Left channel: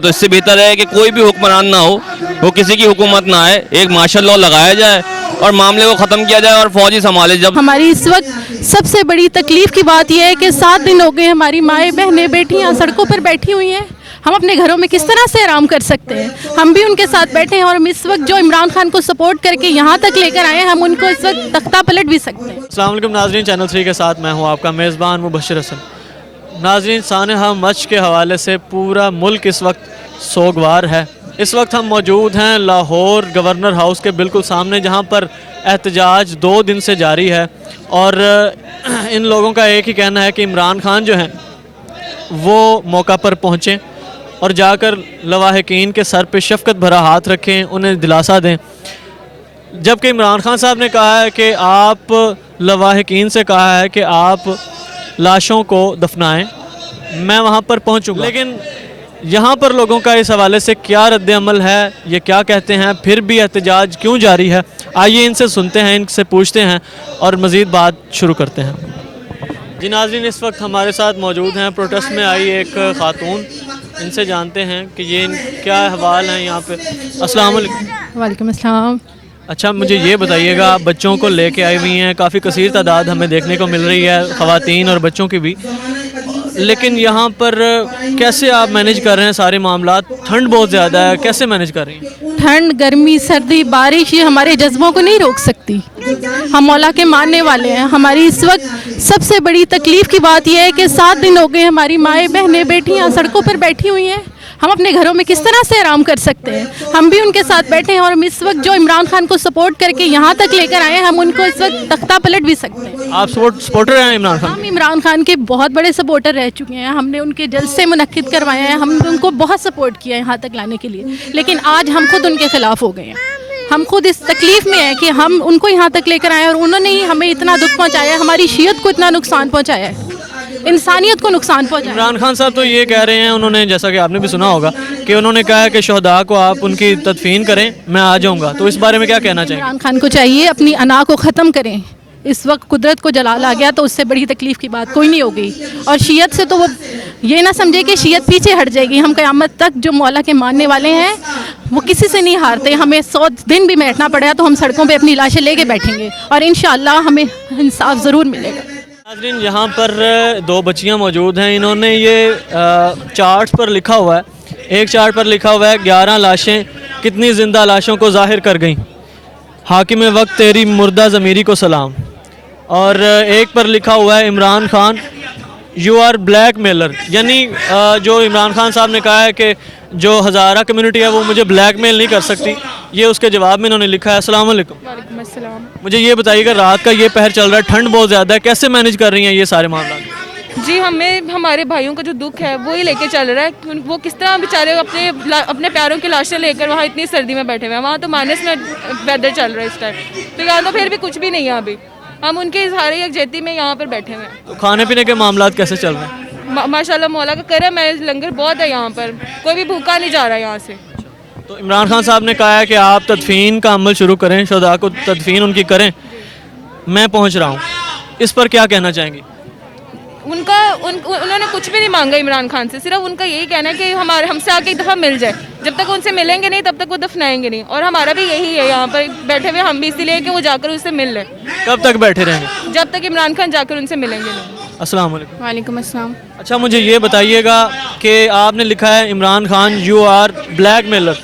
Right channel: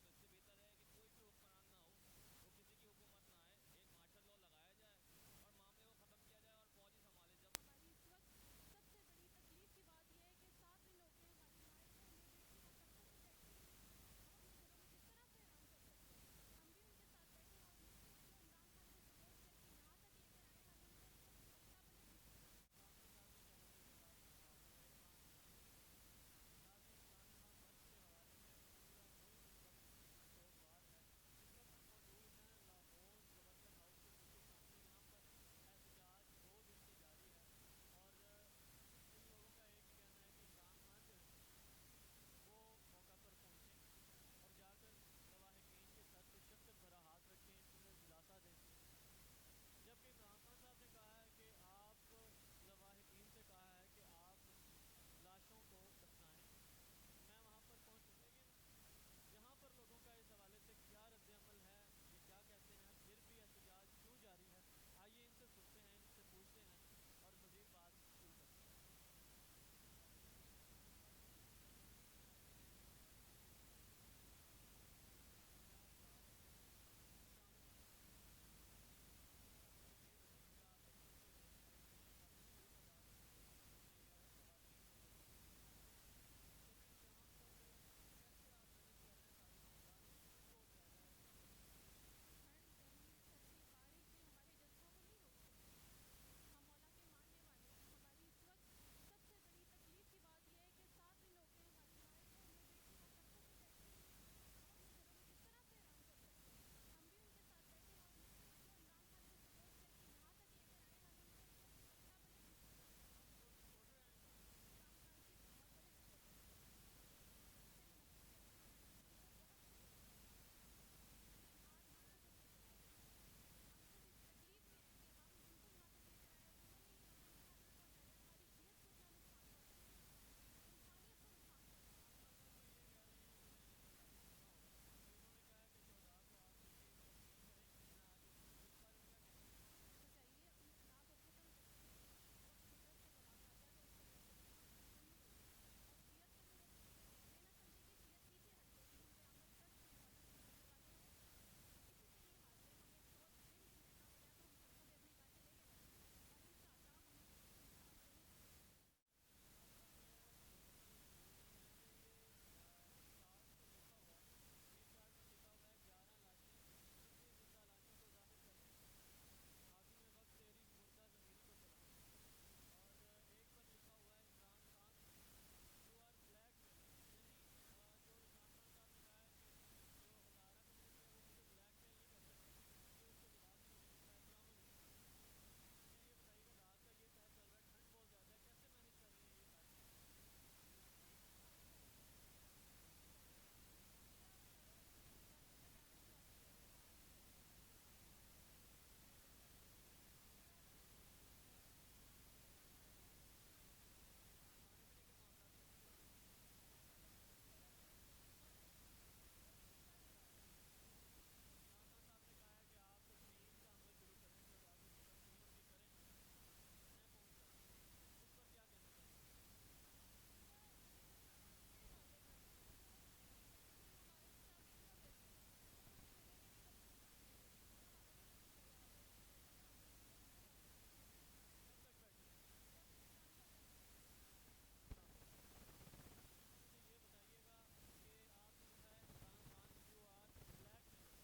तो इससे बेहतर है कि कोई भी हुक्मरान ना हो, वो किसी की हुकूमत ना आए, एक मार्शल लॉ लगाया जाए और मामले को ख़त्म किया जाए और फौजी संभाले। जब हमारी इस वक्त सबसे बड़ी तकलीफ़ की बात यह है कि 7 दिन हो गए हमारी माएँ बहनें बेटियाँ सड़कों पर बैठी हुई हैं। हम अपने घरों में किस तरह से आराम कर सकते हैं? हम भी उनके साथ बैठे हैं और हम इस वक्त जो इमरान खान को सपोर्ट करके यहाँ तक लेकर आए हैं, हम उनको इस वक्त तख्ता पलट भी सकते हैं। अस्सलाम वालेकुम नाज़रीन, चैनल 3 के साथ मैं हूँ आपका मेज़बान मुबशर हसन। नाज़रीन, सानहा मच के हवाले से पूरा मुल्क इस वक्त सोगवार है। इस वक्त हम मौजूद हैं लाहौर गवर्नर हाउस के बिल्कुल सामने, जहाँ पर एहतजाज 2 दिन से जारी है और इन लोगों का एक ही कहना है कि इमरान खान जो हैं वो मौका पर पहुँचें और जाकर लवाहिकीन के सर पे शफ़क़त भरा हाथ रखें, उन्हें दिलासा दें। जबकि इमरान खान साहब ने कहा है कि आप लवाहिकीन से कहा है कि आप लाशों को दफनाएं, मैं वहाँ पर पहुँचूँगा। लेकिन यहाँ पर लोगों का इस हवाले से क्या रद्द अमल है, ये क्या कहते हैं, फिर भी एहतजाज क्यों जारी है, आइए इनसे सुनते हैं, इनसे पूछते हैं और मज़ीद बात शुरू करते हैं। जी नाज़रीन, इस वक्त हमारे साथ मौजूद हैं प्रोटेस्ट में आई एक ख़ातून, इनसे जानते हैं कि ये क्या अहवाल हैं यहाँ पे। अस्सलाम वालेकुम। वालेकुम अस्सलाम। अच्छा, मुझे ये बताइएगा, आप बच्चों को लेके आई हुई हैं, काफ़ी कसीर तादाद हमें देखने को मिल रही है, ख़वातीन और बच्चों की भी, लेकिन यहाँ पर कैसे आप मैनेज कर रहे हैं सारे मामला? ठंड बहुत ज़्यादा है, कैसे मैनेज कर रही हैं? ठंड, गर्मी, सर्दी, बारिश ये हमारे जज्बों को नहीं रोक सकती। हम मौला के मानने वाले हैं। हमारी इस वक्त सबसे बड़ी तकलीफ़ की बात यह है कि 7 दिन हो गए हमारी माएँ बहनें बेटियाँ सड़कों पर बैठी हुई हैं। हम अपने घरों में किस तरह से आराम कर सकते हैं? हम भी उनके साथ बैठे हैं और हम इस वक्त जो इमरान खान को सपोर्ट करके यहाँ तक लेकर आए हैं, हम उनको इस वक्त तख्ता पलट भी सकते हैं। आप सपोर्टर हैं इमरान खान? हम इमरान खान के बहुत बड़े सपोर्टर रह चुके हैं। हमने उनके जलसे मुनक्किद करवाए हैं, हमने उनको बहुत सपोर्ट किया है यहाँ तक लाने के लिए, लेकिन आज हम खुद उनके ख़िलाफ़ हो गए हैं। हम खुद इस तकलीफ़ में हैं कि हम उनको यहाँ तक लेकर आए और उन्होंने ही हमें इतना दुख पहुँचाया है, हमारी शीयत को इतना नुकसान पहुँचाया है, इंसानियत को नुकसान पहुँचाया। इमरान खान साहब तो ये कह रहे हैं, उन्होंने, जैसा कि आपने भी सुना होगा, कि उन्होंने कहा है कि शहदा को आप उनकी तदफीन करें, मैं आ जाऊँगा। तो इस बारे में क्या कहना चाहिए? इमरान खान को चाहिए अपनी अना को ख़त्म करें। इस वक्त कुदरत को जलाल आ गया तो उससे बड़ी तकलीफ़ की बात कोई नहीं हो गई, और शीयत से तो वो ये ना समझे कि शीयत पीछे हट जाएगी। हम क़यामत तक जो मौला के मानने वाले हैं वो किसी से नहीं हारते। हमें 100 दिन भी बैठना पड़ेगा तो हम सड़कों पे अपनी लाशें लेके बैठेंगे और इंशाअल्लाह हमें इंसाफ ज़रूर मिलेगा। नाज़रीन, यहाँ पर 2 बच्चियाँ मौजूद हैं। इन्होंने ये चार्ट पर लिखा हुआ है, एक चार्ट पर लिखा हुआ है 11 लाशें कितनी ज़िंदा लाशों को ज़ाहिर कर गईं, हाकिम वक्त तेरी मुर्दा ज़मीरी को सलाम। और एक पर लिखा हुआ है Imran Khan you are blackmailer, यानी जो इमरान खान साहब ने कहा है कि जो हज़ारा कम्युनिटी है वो मुझे ब्लैक मेल नहीं कर सकती, ये उसके जवाब में इन्होंने लिखा है। अस्सलाम वालेकुम। वालेकुम अस्सलाम। मुझे ये बताइएगा, रात का ये पहर चल रहा है, ठंड बहुत ज़्यादा है, कैसे मैनेज कर रही हैं ये सारे मामला? जी, हमें हमारे भाइयों का जो दुख है वो ही लेके चल रहा है। वो किस तरह बेचारे अपने प्यारों की लाशें लेकर वहाँ इतनी सर्दी में बैठे हुए हैं। वहाँ तो माइनस में वेदर चल रहा है इस टाइम, तो यहाँ तो फिर भी कुछ भी नहीं है। अभी हम उनके इजहार यकजहती में यहाँ पर बैठे हुए हैं। तो खाने पीने के मामला कैसे चल रहे हैं? माशाल्लाह मौला का करम है, लंगर बहुत है यहाँ पर, कोई भी भूखा नहीं जा रहा है यहाँ से। तो इमरान खान साहब ने कहा है कि आप तदफीन का अमल शुरू करें, शुहदा को तदफीन उनकी करें, मैं पहुँच रहा हूँ, इस पर क्या कहना चाहेंगी? उन्होंने कुछ भी नहीं मांगा इमरान खान से, सिर्फ उनका यही कहना है कि हमसे आके एक दफ़ा मिल जाए। जब तक उनसे मिलेंगे नहीं तब तक वो दफनाएंगे नहीं, और हमारा भी यही है यहाँ पर बैठे हुए हम भी, इसीलिए कि वो जाकर उससे मिल लें। कब तक बैठे रहेंगे? जब तक इमरान खान जाकर उनसे मिलेंगे नहीं। अस्सलाम वालेकुम। वालेकुम अस्सलाम। अच्छा, मुझे ये बताइएगा कि आपने लिखा है Imran Khan you are blackmailer,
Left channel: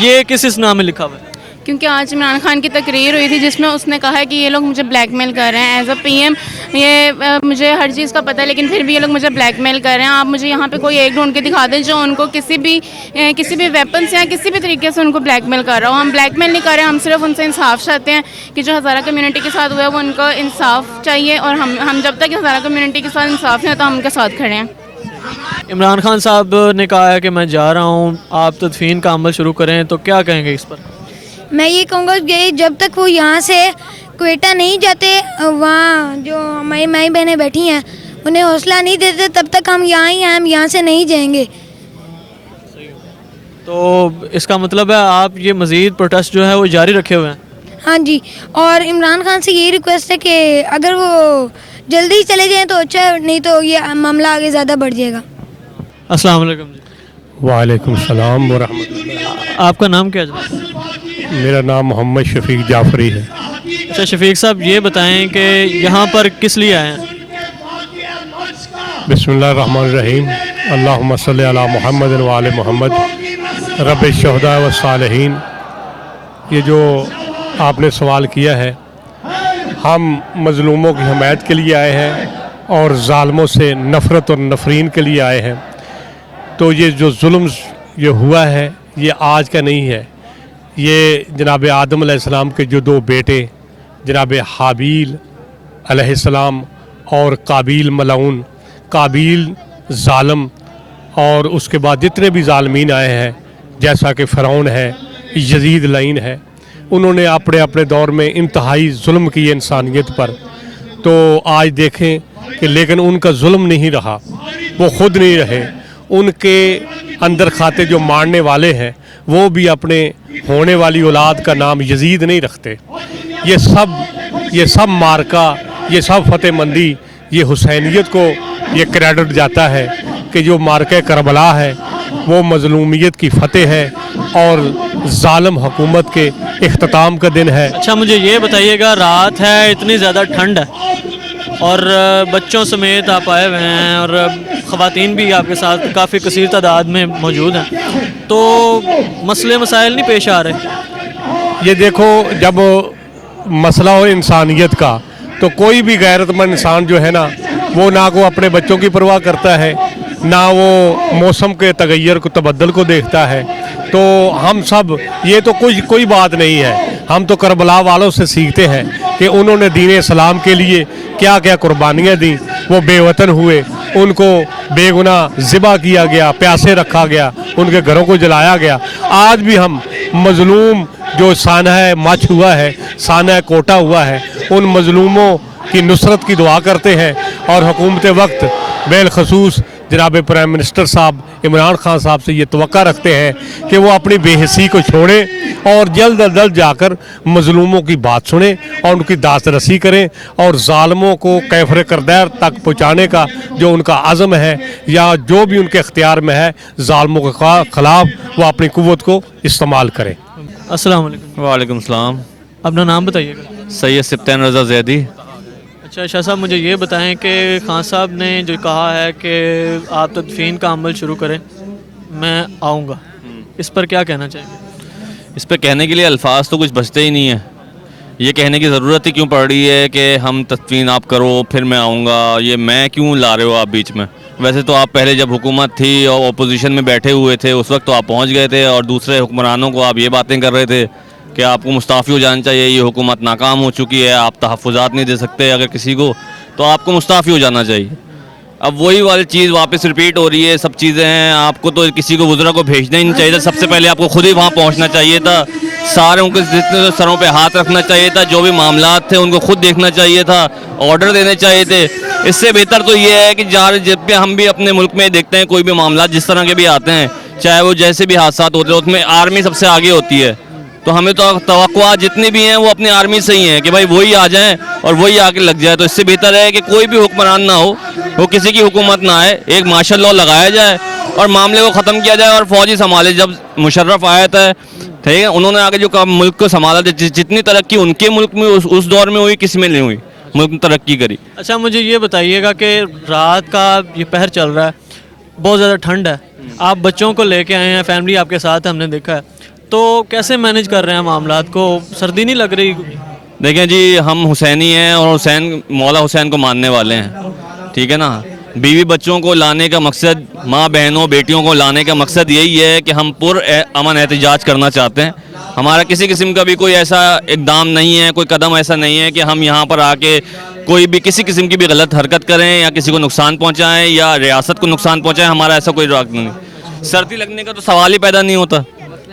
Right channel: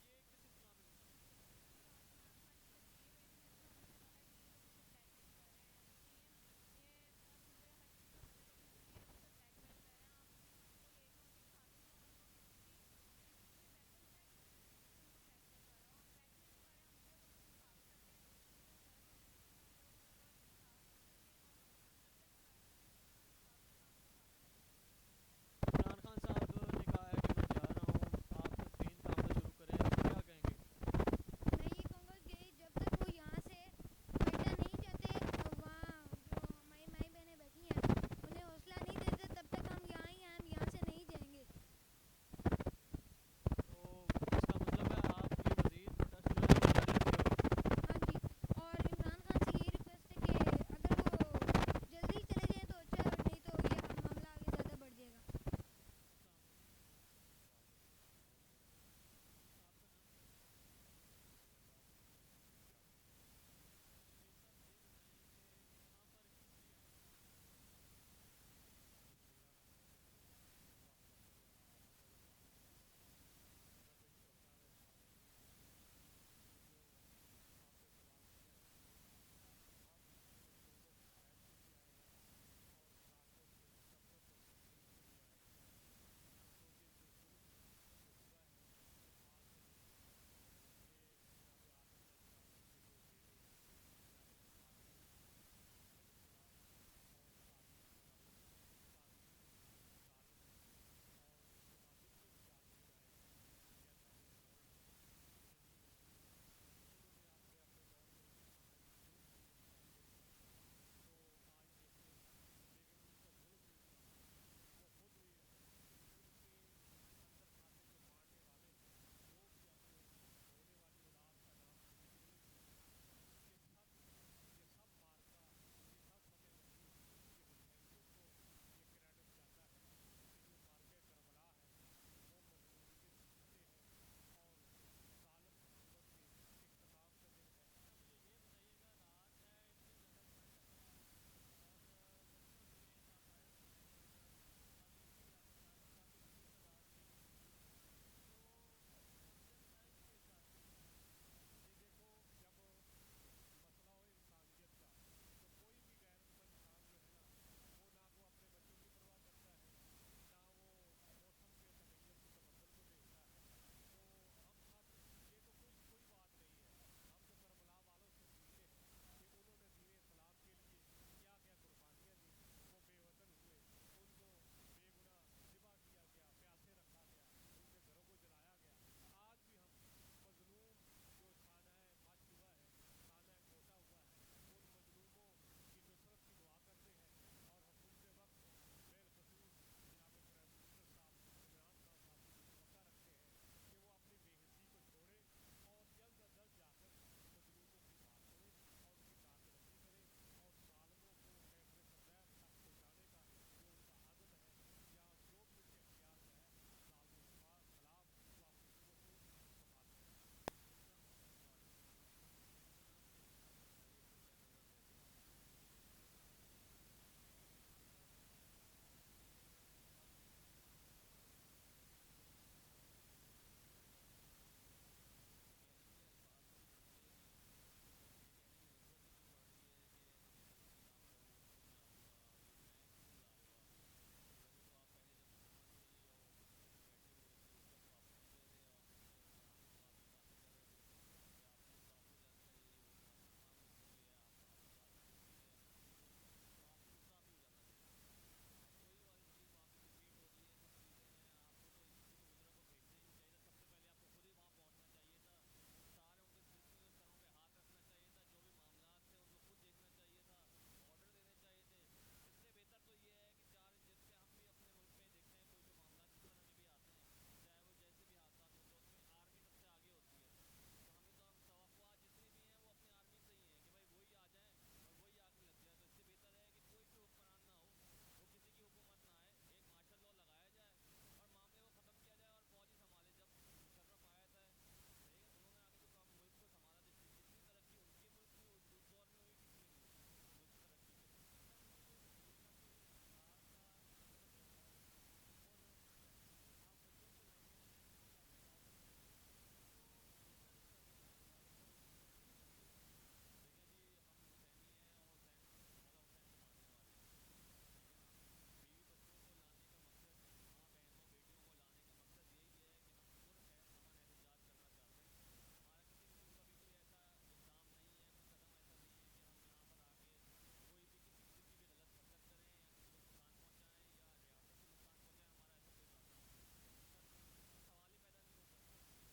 ये किस इस नाम में लिखा हुआ है? क्योंकि आज इमरान खान की तकरीर हुई थी जिसमें उसने कहा है कि ये लोग मुझे ब्लैकमेल कर रहे हैं एज अ पीएम। ये मुझे हर चीज़ का पता है, लेकिन फिर भी ये लोग मुझे ब्लैकमेल कर रहे हैं। आप मुझे यहाँ पे कोई एक ढूंढ के दिखा दें जो उनको किसी भी वेपन से या किसी भी तरीके से उनको ब्लैकमेल कर रहा हो। हम ब्लैकमेल नहीं कर रहे हैं, हम सिर्फ उनसे इंसाफ चाहते हैं कि जो हज़ारा कम्युनिटी के साथ हुआ है वो उनको इंसाफ चाहिए, और हम जब तक हज़ारा कम्युनिटी के साथ इंसाफ नहीं होता हम उनके साथ खड़े हैं। इमरान खान साहब ने कहा है कि मैं जा रहा हूँ, आप तदफीन का अमल शुरू करें, तो क्या कहेंगे इस पर? मैं ये कहूँगा कि जब तक वो यहाँ से क्वेटा नहीं जाते, वहाँ जो हमारी माई बहनें बैठी हैं उन्हें हौसला नहीं देते, तब तक हम यहाँ ही हैं, हम यहाँ से नहीं जाएंगे। तो इसका मतलब है आप ये मज़ीद प्रोटेस्ट जो है वो जारी रखे हुए हैं? हाँ जी, और इमरान खान से यही रिक्वेस्ट है कि अगर वो जल्दी चले जाएं तो अच्छा है, नहीं तो ये मामला आगे ज़्यादा बढ़ जाएगा। अस्सलाम वालेकुम जी। वालेकुम सलाम वरहमतुल्लाह। आपका नाम क्या है जनाब? मेरा नाम मोहम्मद शफीक जाफरी है। अच्छा शफीक साहब, ये बताएं कि यहाँ पर किस लिए आए हैं? बिस्मिल्लाहिर्रहमानिर्रहीम। अल्लाहुम्मा सल्ली अला मुहम्मद व आले मोहम्मद रब्बिश शुहदा व सालिहीन। ये जो आपने सवाल किया है, हम मज़लूमों की हमायत के लिए आए हैं और ज़ालिमों से नफ़रत और नफरीन के लिए आए हैं। तो ये जो जुल्म ये हुआ है ये आज का नहीं है। ये जनाब आदम अलैहिस्सलाम के जो दो बेटे जनाब हाबील अलैहिस्सलाम और काबील मलऊन, काबील ज़ालिम, और उसके बाद जितने भी ज़ालिमीन आए हैं जैसा कि फ़िरौन है, यजीद लईन है, उन्होंने अपने अपने दौर में इंतहाई जुल्म किए इंसानियत पर। तो आज देखें कि लेकिन उनका जुल्म नहीं रहा, वो ख़ुद नहीं रहे, उनके अंदर खाते जो मारने वाले हैं वो भी अपने होने वाली औलाद का नाम यजीद नहीं रखते। ये सब मार्का, ये सब फतेहमंदी, ये हुसैनियत को ये क्रेडिट जाता है कि जो मार्का करबला है वो मज़लूमियत की फ़तेह है और ज़ालिम हुकूमत के इख्तिताम का दिन है। अच्छा मुझे ये बताइएगा, रात है, इतनी ज़्यादा ठंड है और बच्चों समेत आप आए हुए हैं और ख़वातीन भी आपके साथ काफ़ी कसीर तादाद में मौजूद हैं, तो मसले मसाइल नहीं पेश आ रहे? ये देखो, जब मसला हो इंसानियत का तो कोई भी गैरतमंद इंसान जो है ना, वो ना को अपने बच्चों की परवाह करता है, ना वो मौसम के तगैर को तबद्दल को देखता है। तो हम सब, ये तो कोई बात नहीं है, हम तो करबला वालों से सीखते हैं कि उन्होंने दीन इस्लाम के लिए क्या क्या कुर्बानियाँ दी। वो बेवतन हुए, उनको बेगुनाह ज़िबा किया गया, प्यासे रखा गया, उनके घरों को जलाया गया। आज भी हम मज़लूम जो सानह मच हुआ है, सानह कोटा हुआ है, उन मज़लूमों की नुसरत की दुआ करते हैं और हुकूमत वक्त बिलखसूस जनाब प्राइम मिनिस्टर साहब इमरान खान साहब से ये तवक्का रखते हैं कि वो अपनी बेहसी को छोड़ें और जल्द अज जल्द जाकर मज़लूमों की बात सुनें और उनकी दास रसी करें और ज़ालिमों को कैफर करदैर तक पहुँचाने का जो उनका अज़म है या जो भी उनके इख्तियार में है, ज़ालिमों के ख़िलाफ़ वो अपनी क़ुव्वत को इस्तेमाल करें। अस्सलाम वालेकुम। वालेकुम सलाम। अपना नाम बताइएगा। सैयद सिप्तान रज़ा ज़ैदी। अच्छा शाह साहब, मुझे ये बताएं कि खान साहब ने जो कहा है कि आप तदफीन का अमल शुरू करें, मैं आऊँगा, इस पर क्या कहना चाहेंगे? इस पर कहने के लिए अल्फाज तो कुछ बचते ही नहीं है। ये कहने की ज़रूरत ही क्यों पड़ रही है कि हम तदफीन आप करो फिर मैं आऊँगा, ये मैं क्यों ला रहे हो आप बीच में? वैसे तो आप पहले जब हुकूमत थी और अपोजिशन में बैठे हुए थे उस वक्त तो आप पहुँच गए थे और दूसरे हुक्मरानों को आप ये बातें कर रहे थे कि आपको मुस्ताफ़ी हो जाना चाहिए, ये हुकूमत नाकाम हो चुकी है, आप तहफ़्फ़ुज़ात नहीं दे सकते अगर किसी को, तो आपको मुस्ताफ़ी हो जाना चाहिए। अब वही वाली चीज़ वापस रिपीट हो रही है, सब चीज़ें हैं। आपको तो किसी को वज़रा को भेजना ही नहीं चाहिए था, सबसे पहले आपको खुद ही वहाँ पहुँचना चाहिए था, सारे उनके जितने सरों पे हाथ रखना चाहिए था, जो भी मामलात थे उनको खुद देखना चाहिए था, ऑर्डर देने चाहिए थे। इससे बेहतर तो ये है कि जब भी हम भी अपने मुल्क में देखते हैं कोई भी मामला जिस तरह के भी आते हैं, चाहे वो जैसे भी हादसा होते हैं, उसमें आर्मी सबसे आगे होती है। तो हमें तो तवक्कुआ जितनी भी हैं वो अपनी आर्मी से ही हैं कि भाई वही आ जाएं और वही आके लग जाए। तो इससे बेहतर है कि कोई भी हुक्मरान ना हो, वो किसी की हुकूमत ना आए, एक मार्शल लॉ लगाया जाए और मामले को ख़त्म किया जाए और फौजी संभाले। जब मुशर्रफ आया था, ठीक है, उन्होंने आगे जो मुल्क को संभाला था, जितनी तरक्की उनके मुल्क में उस दौर में हुई, किसी में नहीं हुई, मुल्क ने तरक्की करी। अच्छा मुझे ये बताइएगा कि रात का ये पहर चल रहा है, बहुत ज़्यादा ठंड है, आप बच्चों को लेके आए हैं, फैमिली आपके साथ है, हमने देखा है, तो कैसे मैनेज कर रहे हैं मामलात को? सर्दी नहीं लग रही? देखें जी, हम हुसैनी हैं और मौला हुसैन को मानने वाले हैं, ठीक है ना। बीवी बच्चों को लाने का मकसद, माँ बहनों बेटियों को लाने का मकसद यही है कि हम अमन एहतजाज करना चाहते हैं। हमारा किसी किस्म का भी कोई ऐसा इक़दाम नहीं है, कोई कदम ऐसा नहीं है कि हम यहाँ पर आके कोई भी किसी किस्म की भी गलत हरकत करें या किसी को नुकसान पहुँचाएँ या रियासत को नुकसान पहुँचाएँ। हमारा ऐसा कोई राग नहीं। सर्दी लगने का तो सवाल ही पैदा नहीं होता।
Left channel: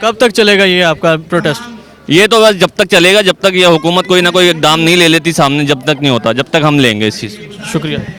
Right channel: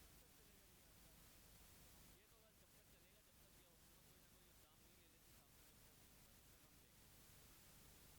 कब तक चलेगा ये आपका प्रोटेस्ट? ये तो बस जब तक चलेगा, जब तक ये हुकूमत कोई ना कोई इक़दाम नहीं ले लेती सामने, जब तक नहीं होता, जब तक हम लेंगे इस चीज़। शुक्रिया।